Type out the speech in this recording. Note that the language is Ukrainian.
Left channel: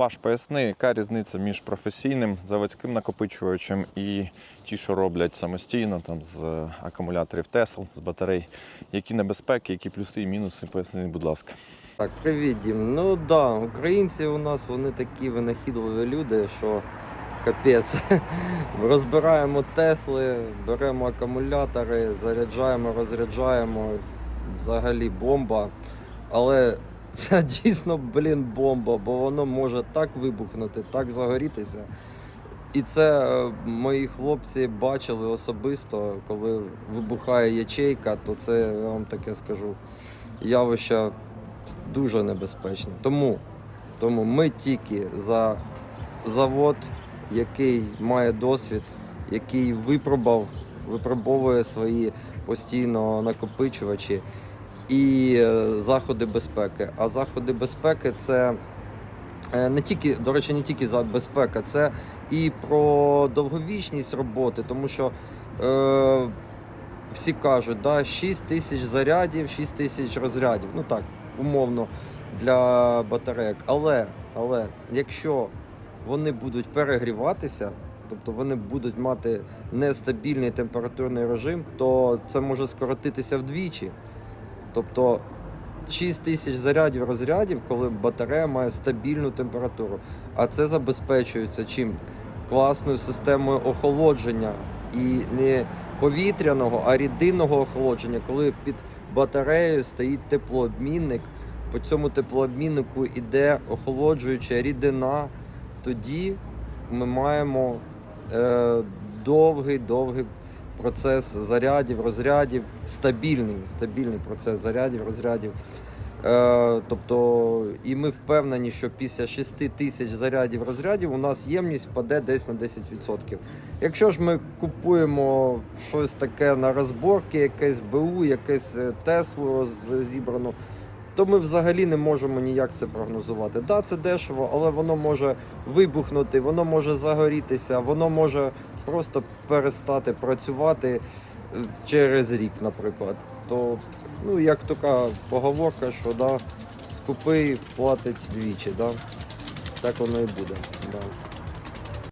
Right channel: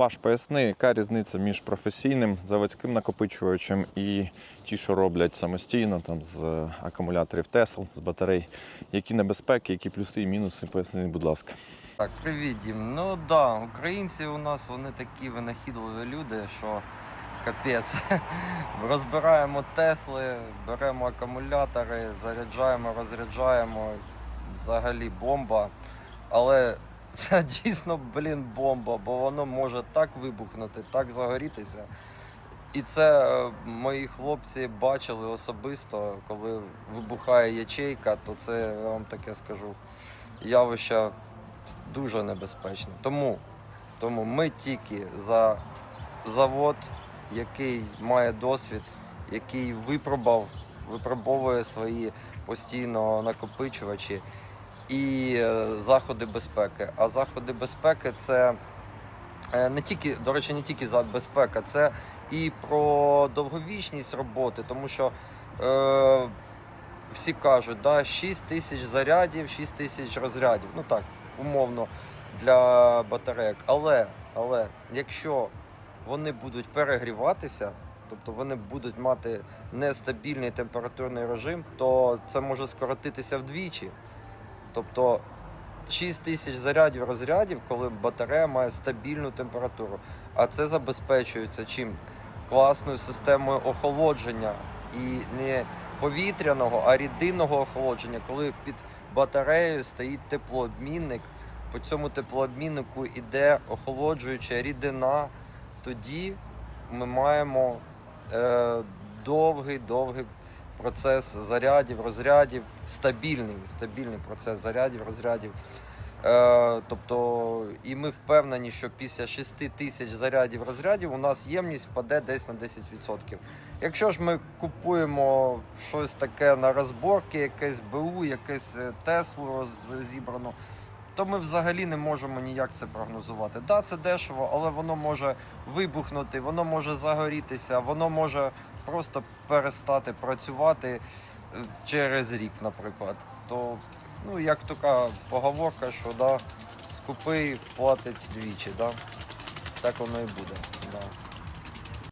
Паш, поясни, яка різниця між професійним заводським накопичувачем і ті, що роблять самостійно там, з акумуляторів Tesla, з батарей. Які небезпеки, які плюси і мінуси, поясни, будь ласка. Так, привіт, Дім. Ну да, українці у нас вони такі винахідливі люди, що капець. Розбираємо Тесли, беремо акумулятори, заряджаємо, розряджаємо. Взагалі бомба. Але це дійсно, блін, бомба, бо воно може так вибухнути, так загорітися. І це е, мої хлопці бачили особисто, коли вибухає ячейка, то це я вам таке скажу явище дуже небезпечне. Тому, тому ми тільки за завод, який має досвід, який випробував, випробовує свої постійно накопичувачі і е, заходи безпеки. А заходи безпеки це е, не тільки, до речі, не тільки за безпека, це і про довговічність роботи, тому що е, всі кажуть, да, 6 тисяч зарядів, 6 тисяч розрядів. Ну так, умовно для батарейок. Але, але якщо вони будуть перегріватися, тобто вони будуть мати нестабільний температурний режим, то це може скоротитися вдвічі. Тобто 6 тисяч зарядів розрядів, коли батарея має стабільну температуру. А це забезпечується чим? Класною системою охолодження і не повітряного, а рідинного охолодження, коли під батареєю стоїть теплообмінник. По цьому теплообміннику йде охолоджуюча рідина. Тоді ми маємо е, довгий довгий процес зарядів, розрядів, стабільний, стабільний процес зарядів, розрядів. Е, тобто, і ми впевнені, що після 6 тисяч зарядів розрядів у нас ємність впаде десь на 10%. Якщо ж ми купуємо щось таке на розборки, якесь БУ, якесь е, Теслу зібрану, то ми взагалі не можемо ніяк це прогнозувати. Да, це дешево, але воно може вибухнути, воно може загорітися, воно може просто перестати працювати е, через рік, наприклад. То, ну, як така поговорка, що да, скупий платить двічі, да? так воно і буде. Да.